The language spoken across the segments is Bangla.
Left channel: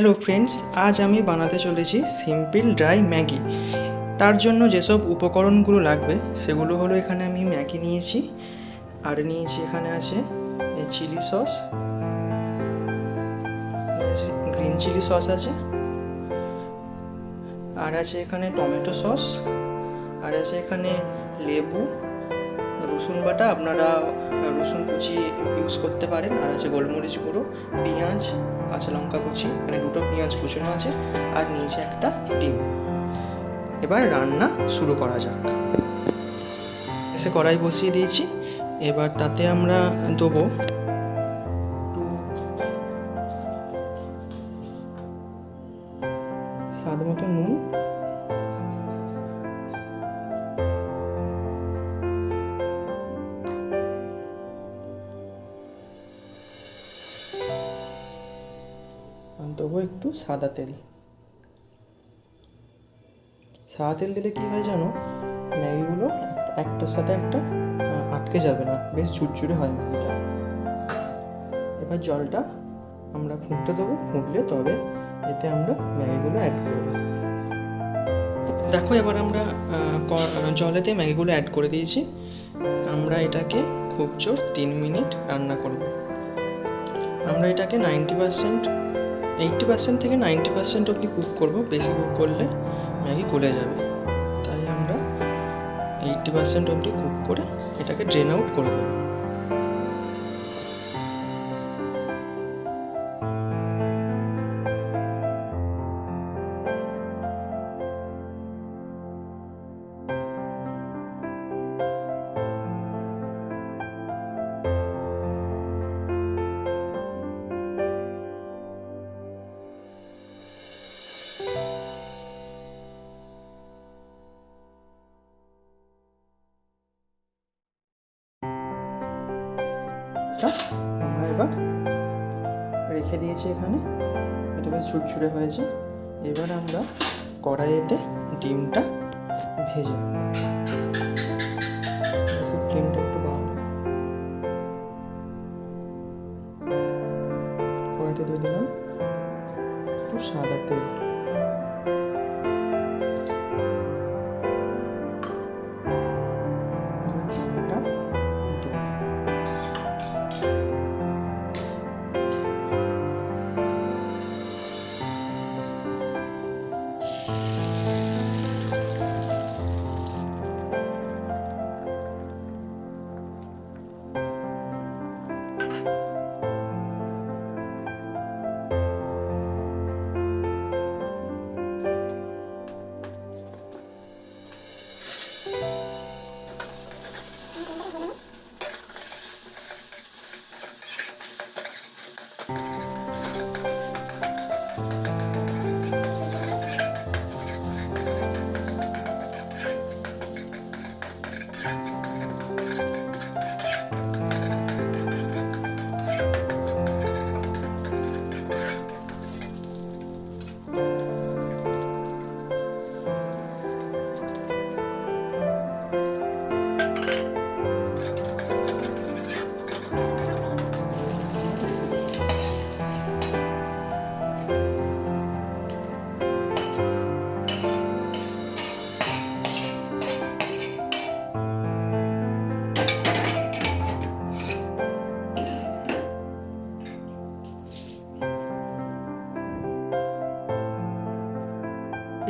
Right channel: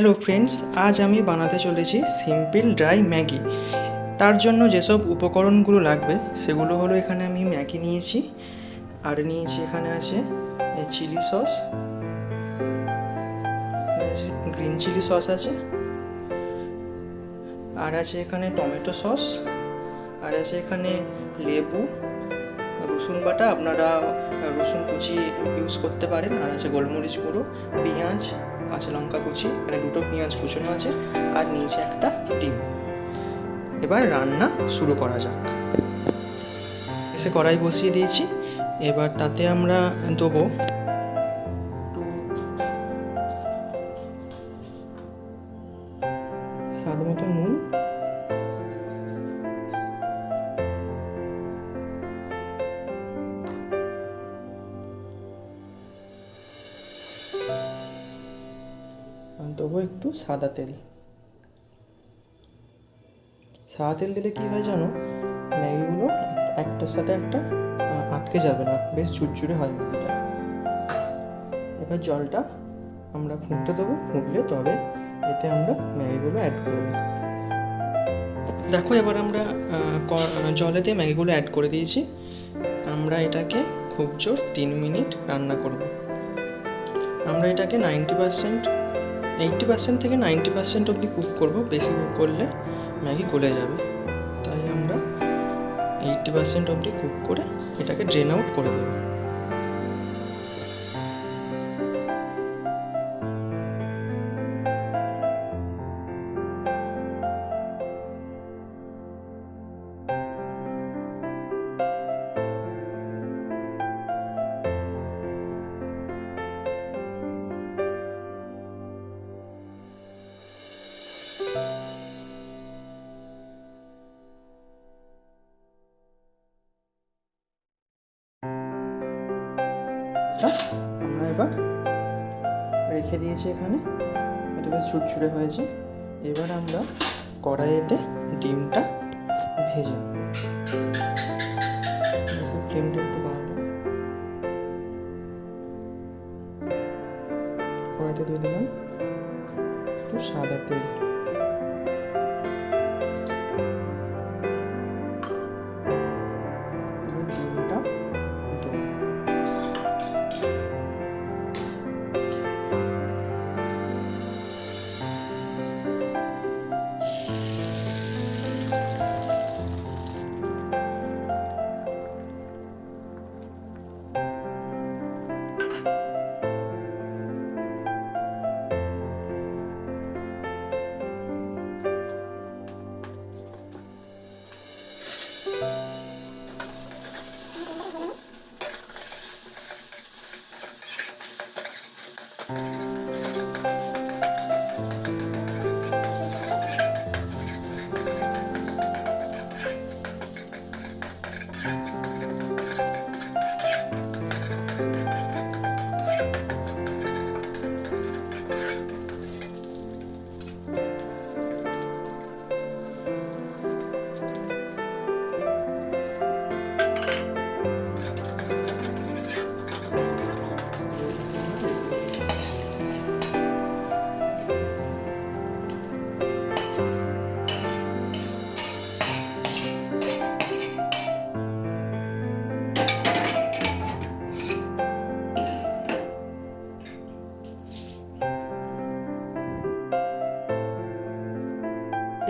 হ্যালো ফ্রেন্ডস, আজ আমি বানাতে চলেছি সিম্পল ড্রাই ম্যাগি। তার জন্য যেসব উপকরণগুলো লাগবে সেগুলো হলো, এখানে আমি ম্যাগি নিয়েছি, আর নিয়েছি এখানে আছে chilli sauce, green chilli sauce আছে, আর আছে এখানে টমেটো সস, আর আছে এখানে লেবু, রসুন বাটা, আপনারা রসুন কুচি ইউজ করতে পারেন, আর আছে গোলমরিচ গুঁড়ো, পেঁয়াজ, কাঁচা লঙ্কা কুচি, এখানে দুটো পেঁয়াজ কুচোনো আছে, আর নিচে একটা ডিম। এবার রান্না শুরু করা যাক। এসে কড়াই বসিয়ে দিয়েছি। এবার তাতে আমরা দেবো একটু স্বাদ মতো নুন, দেবো একটু সাদা তেল। সাদা তেল দিলে কী হয় জানো, ম্যাগিগুলো একটার সাথে একটা আটকে যাবে না, বেশ ঝুরঝুরে হয় ম্যাগিটা। এবার জলটা আমরা ফুটতে দেবো, ফুটলে তবে এতে আমরা ম্যাগিগুলো অ্যাড করব। দেখো, এবার আমরা জলেতে ম্যাগিগুলো অ্যাড করে দিয়েছি। আমরা এটাকে খুব জোর 3 মিনিট রান্না করব। আমরা এটাকে 80% থেকে 90% অবধি কুক করব। বেশি কুক করলে ম্যাগি গলে যাবে, তাই আমরা 80% অবধি কুক করে এটাকে ড্রেন আউট করে দেবো। আমরা এবার রেখে দিয়েছি এখানে, এটা বেশ ঝুরঝুরে হয়েছে। এবার আমরা কড়াইতে ডিমটা ভেজে ফ্লেমটা একটু বাড়াবো। কড়াইতে দিয়ে দিলাম একটু সাদা তেল, ডিমটা দেবো।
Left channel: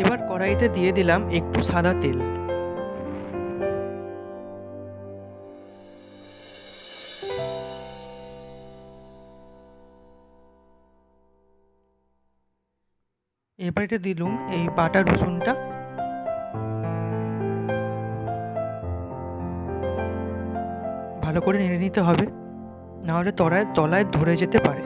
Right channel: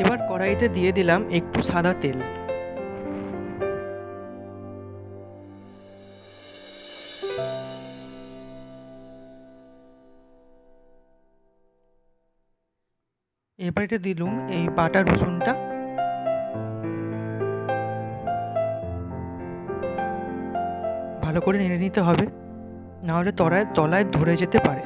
এবার কড়াইতে দিয়ে দিলাম একটু সাদা তেল। এবার এটা দিলাম এই বাটা রসুনটা, ভালো করে নেড়ে নিতে হবে, নাহলে তলায় ধরে যেতে পারে।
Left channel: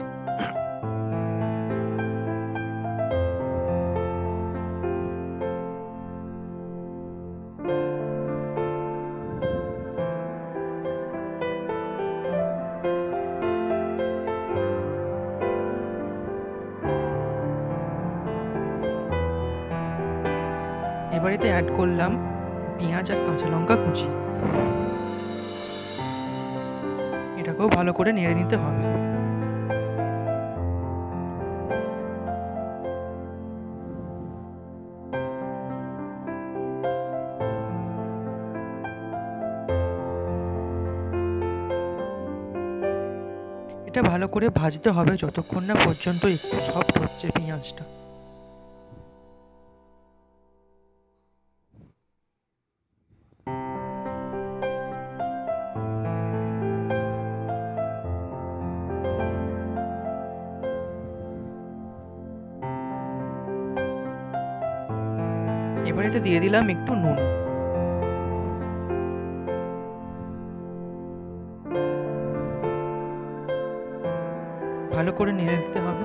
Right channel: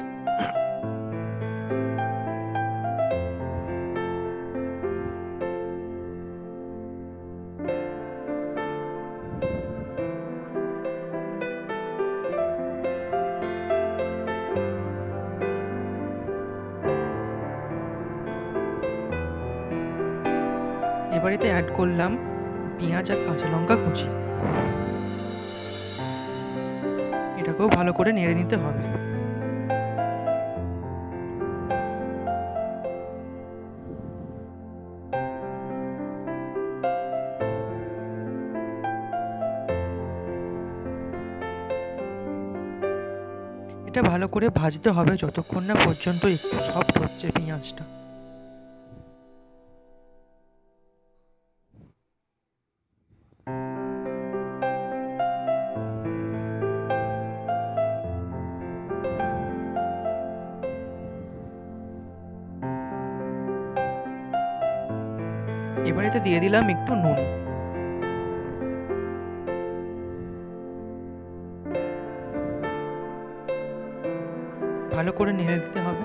এবারেতে অ্যাড করলাম পেঁয়াজ আর কাঁচা লঙ্কা কুচি, এটাকেও ভালো করে নেড়ে নিতে হবে। এটা ভালো করে ভাজতে হবে যতক্ষণ না পর্যন্ত একটু সফট হচ্ছে পেঁয়াজটা। এবার এতে দিয়ে দিলাম একটু নুন। ভালো করে নেড়ে দিতে হবে।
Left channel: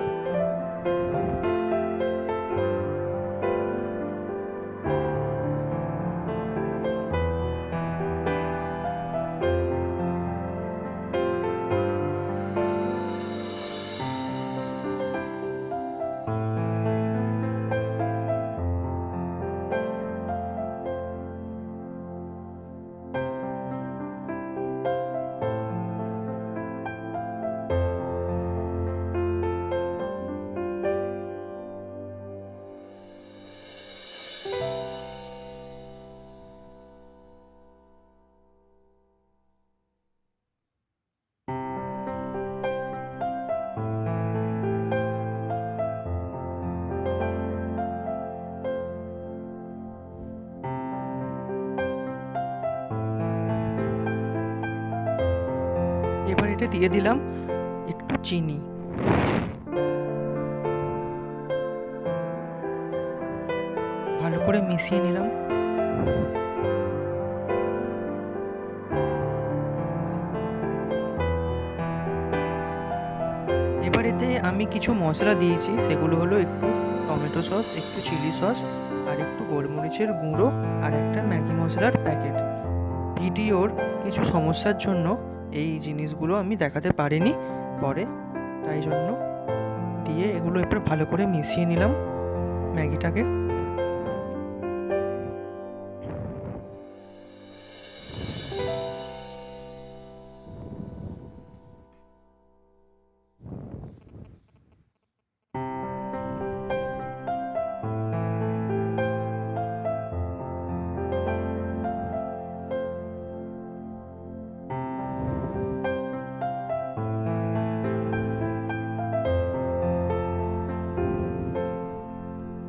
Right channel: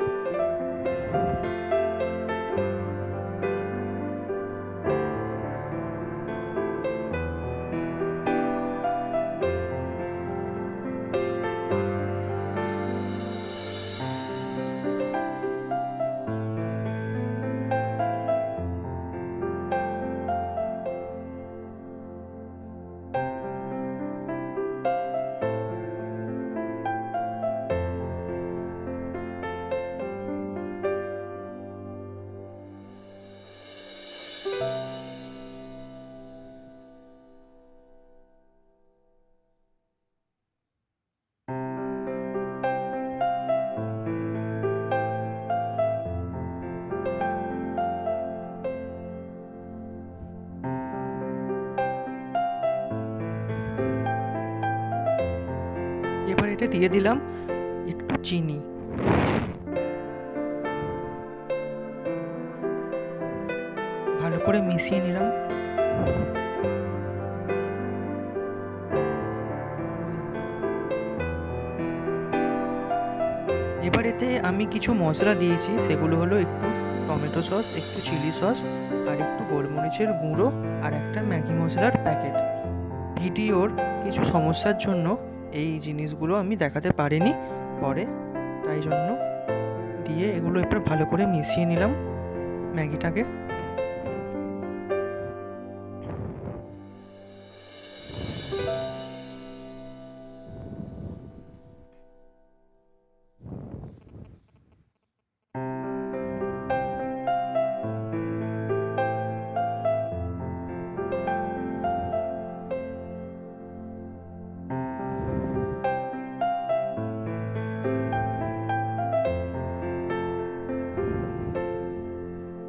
এবার এটা দিয়ে দিলাম একটু চিনি। ভালো করে মিশিয়ে নিলাম। এবার এতে আমি কিছু মশলা দিয়েছি, সেগুলো হলো একটু টমেটো সস, একটু চিলি সস, আর একটু গোলমরিচের গুঁড়ো, আর একটা ম্যাগি মশলার প্যাকেট। ভিডিওর কিছু সমস্যার জন্য এই জিনিসগুলো আমি দেখাতে পারিনি পরে, তাই জন্য দিয়ে এগুলো এবার ভালো করে মিশিয়ে নিলাম ম্যাগিটাকে।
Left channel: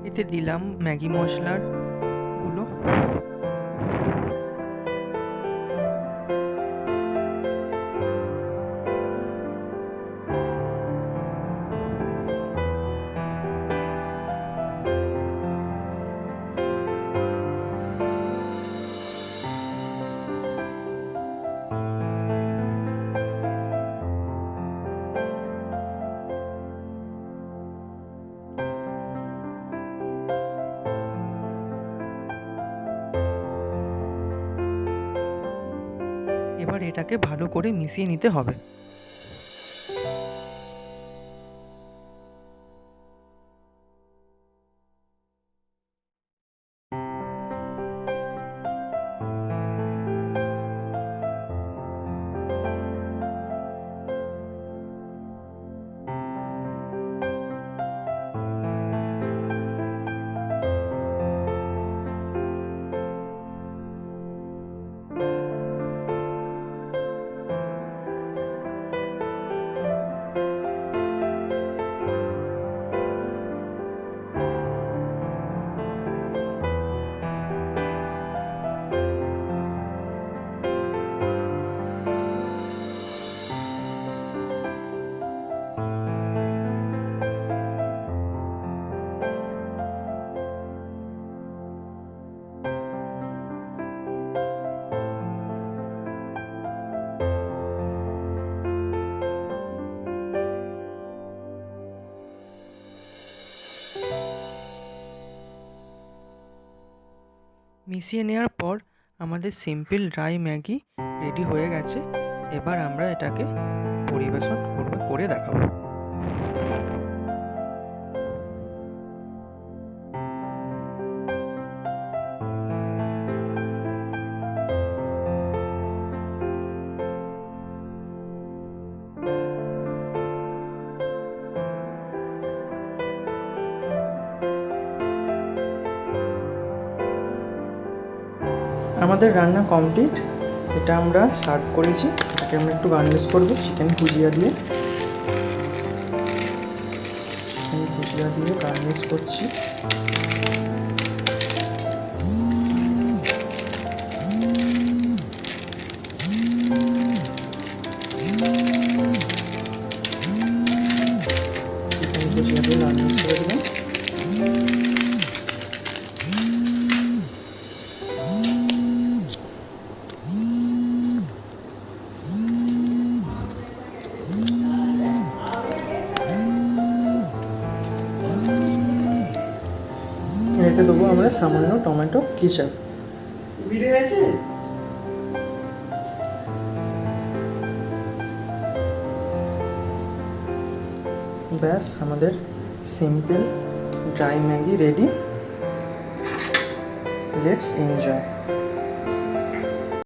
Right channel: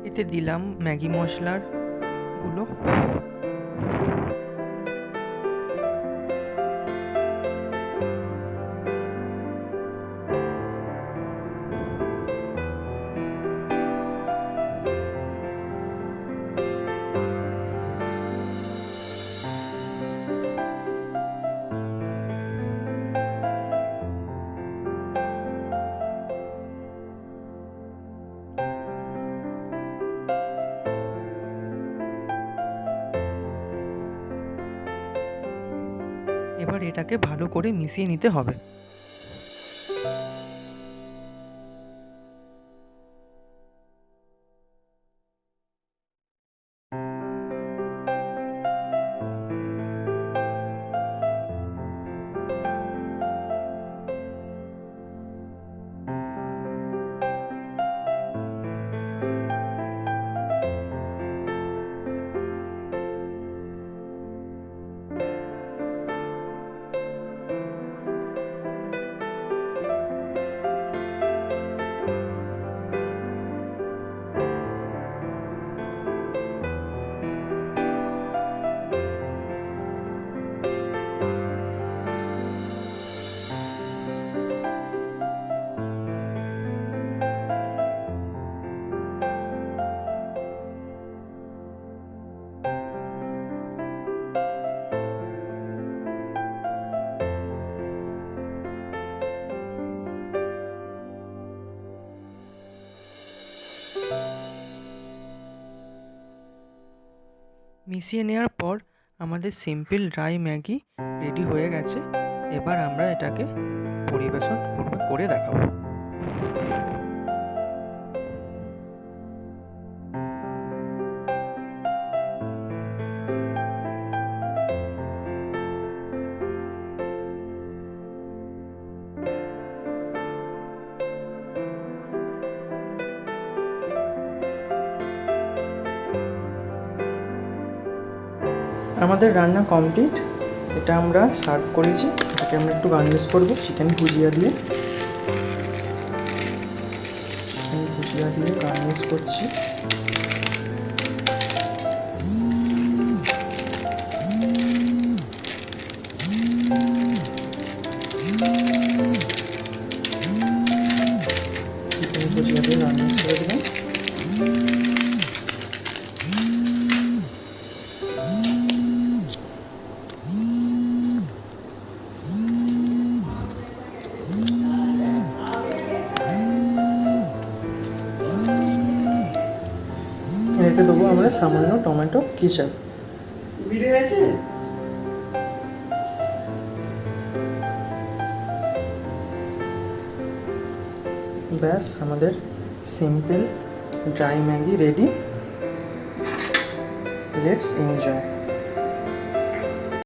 এতে দিলাম ম্যাগি মশলার গুলো। এবার এটাকে ভালো করে মিশিয়ে নিতে হবে। মিশিয়ে নেওয়ার পর আমাদের সিম্পল ড্রাই ম্যাগি রেডি হয়ে গেছে। এবার আমরা এটাকে পরিবেশন করে দেখাবো। আমাদের রান্না কমপ্লিট। এটা আমরা সার্ভ করেছি। এটাকে আমরা একটু গার্নিশ করবো চিকেন ভুজিয়া দিয়ে। ভুজিয়া দিয়ে গার্নিশ করছি। চিকেন ভুজিয়া দিয়ে গার্নিশ করে দেবেন। এতে দেবো আমরা সামান্য টমেটো কেচাপ। ব্যাস আমাদের simple dry Maggi ready. Let's enjoy.